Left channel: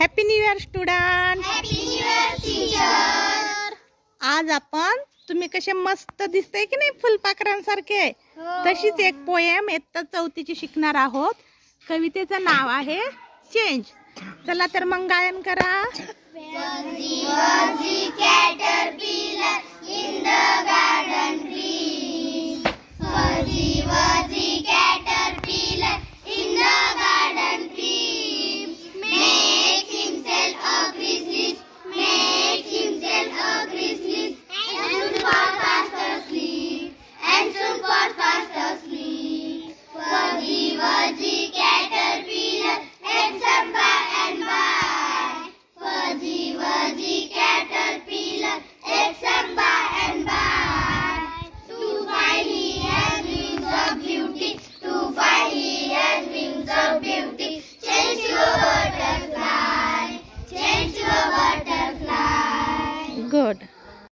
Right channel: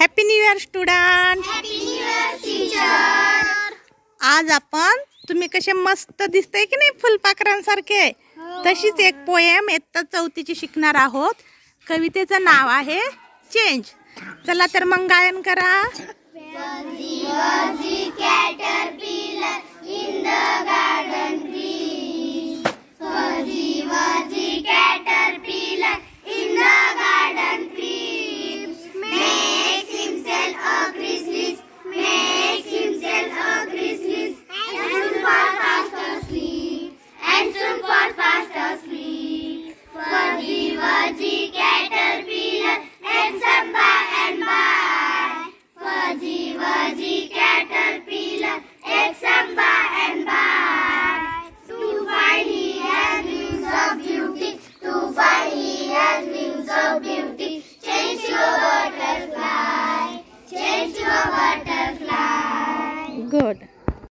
Happy new year student. Happy new year teacher. आज आपण तुम्ही कसे मस्त दिसते की नाही फुलपाखरांसारखे, तशीच एक पोएम इयत्ता 4ची शिकणार आहोत. कवितेचं नाव आहे चेंज. चला तर मग गायन करा. Caterpillar in the garden tree. Fuzzy wuzzy caterpillar in the garden tree. Makes himself a chrysalis, makes himself a chrysalis, and soon for faster sleep, and soon for faster sleep. Fuzzy wuzzy caterpillar ends up by and by. Fuzzy wuzzy caterpillar ends up by and by. To find he has wings of beauty, to find he has wings of beauty. Change to a butterfly, change to a butterfly. Good.